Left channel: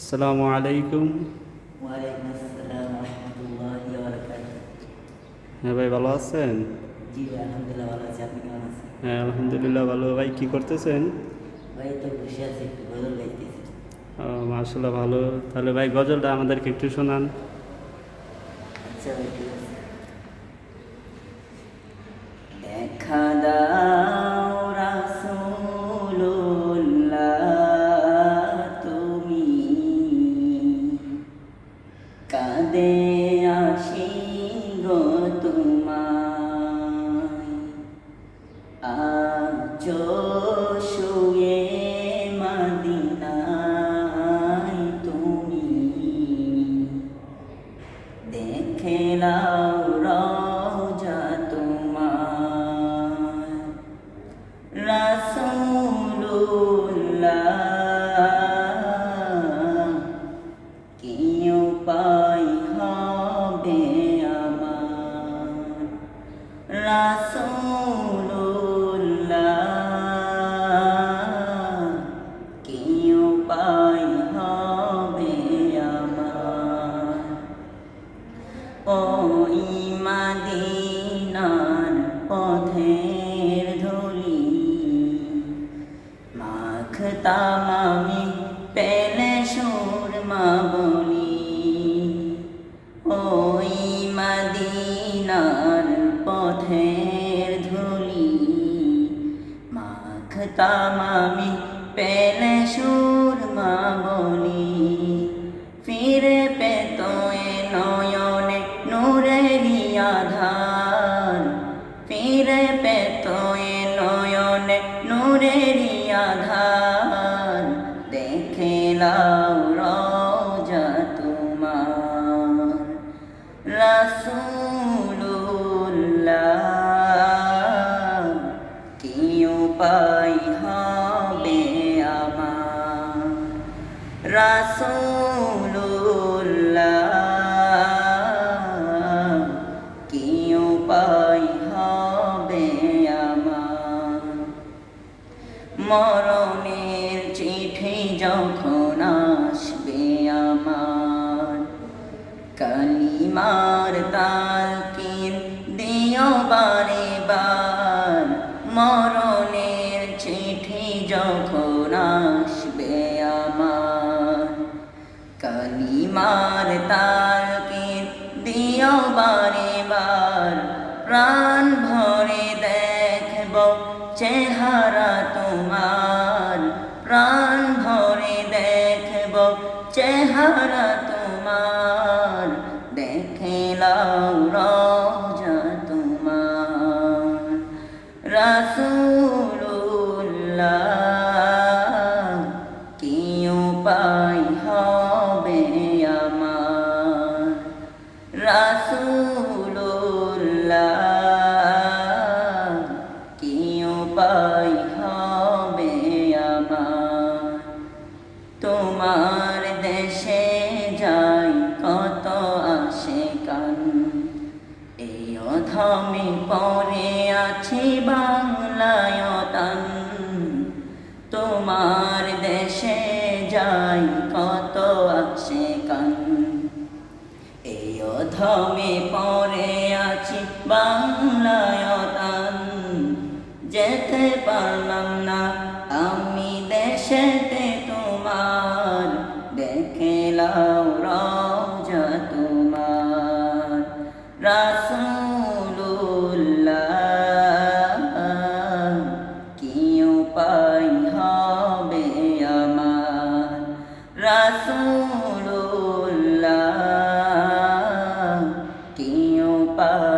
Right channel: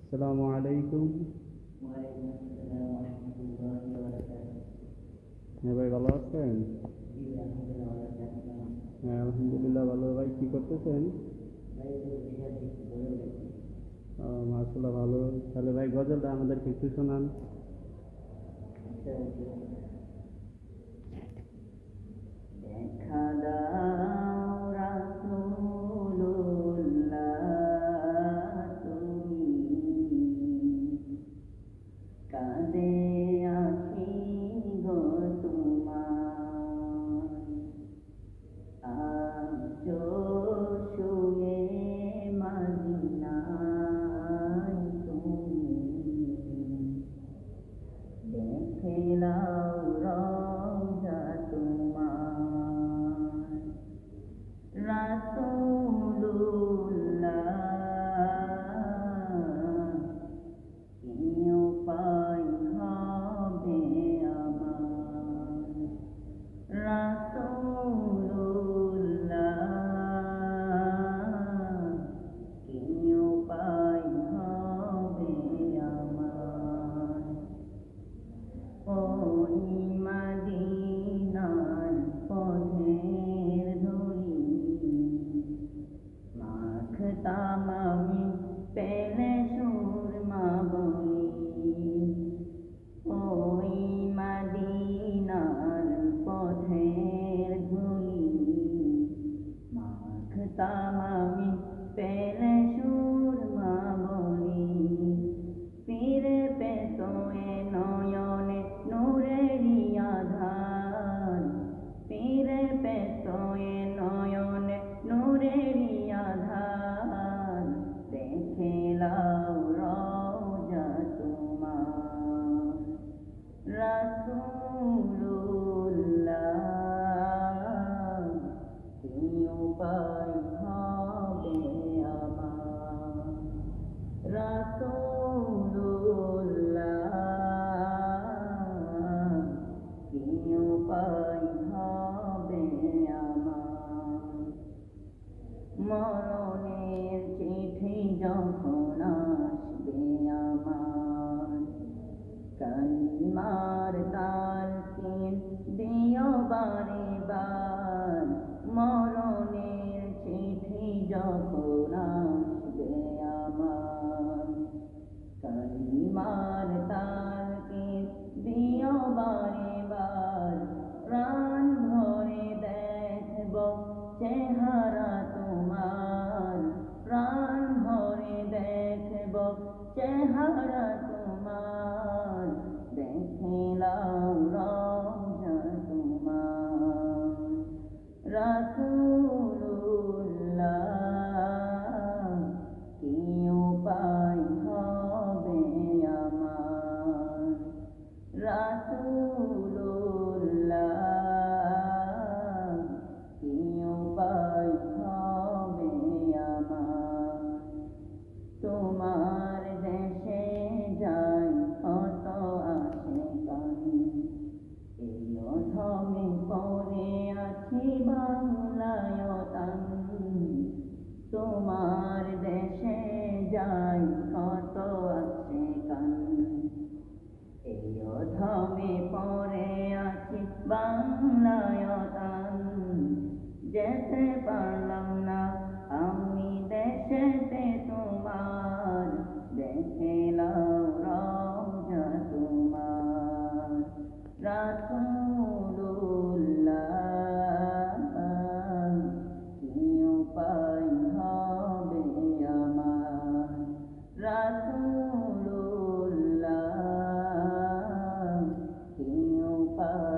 আসসালামু আলাইকুম। ওয়ালাইকুম আসসালাম রহমতুল্লাহি ওয়া বারাকাতুহু। হ্যাঁ ভাই, ভালো আছেন? জি ভাই, আলহামদুলিল্লাহ ভালো আছি। আপনি কেমন আছেন? হ্যাঁ আলহামদুলিল্লাহ ভালো। ভাই কি করতেছেন? ভাই তো বসে আছি, একটু গজল গাইতেছি। মাশাআল্লাহ ভালো। তাহলে ভাই গজলটা আমাদেরকে একটু শোনান। আচ্ছা ভাই, ঠিক আছে। দেখা দাও রাসূলুল্লাহ, তুমি কাঁদে আসি গো তোমায়, আজ শুয়ে মদিনায় তুমি দেখে নাও রওজা তোমার। রাসূলুল্লাহ, কি উপায় হবে আমার। রাসূলুল্লাহ, কি উপায় হবে আমার। ওই মদিনার পথের ধুলি মাখতাম আমি, পেলে সুরমা বলি। ওই মদিনার পথের ধুলি মাখতাম আমি, পেলে সুরমা বলি। ফিরে পেত এ নয়নে নূরেরি আধার, ফিরে পেত এ নয়নে নূরেরি আধার। দেখে নাও রওজা তোমার। রাসূলুল্লাহ, কি উপায় হবে আমার। রাসূলুল্লাহ, কি উপায় হবে আমার। মরণের চিঠি যখন আসবে আমার, কালিমার তালকিন দিও বারে বার। মরণের চিঠি যখন আসবে আমার, কালিমার তালকিন দিও বারে বার। প্রাণ ভরে দেখব চেহারা তোমার, প্রাণ ভরে দেখব চেহারা তোমার। দেখে নাও রওজা তোমার। রাসূলুল্লাহ, কি উপায় হবে আমার। রাসূলুল্লাহ, কি উপায় হবে আমার। তোমার দেশে যাই কত আশিকান, এই অধমে পড়ে আছি বাংলায় তান। তোমার দেশে যাই কত আশিকান, এই অধমে পড়ে আছি বাংলায় তান। যেতে পারলাম না আমি দেশেতে তোমার, দেখে নাও রওজা তোমার। রাসূলুল্লাহ, কি উপায় হবে আমার। রাসূলুল্লাহ, কি উপায়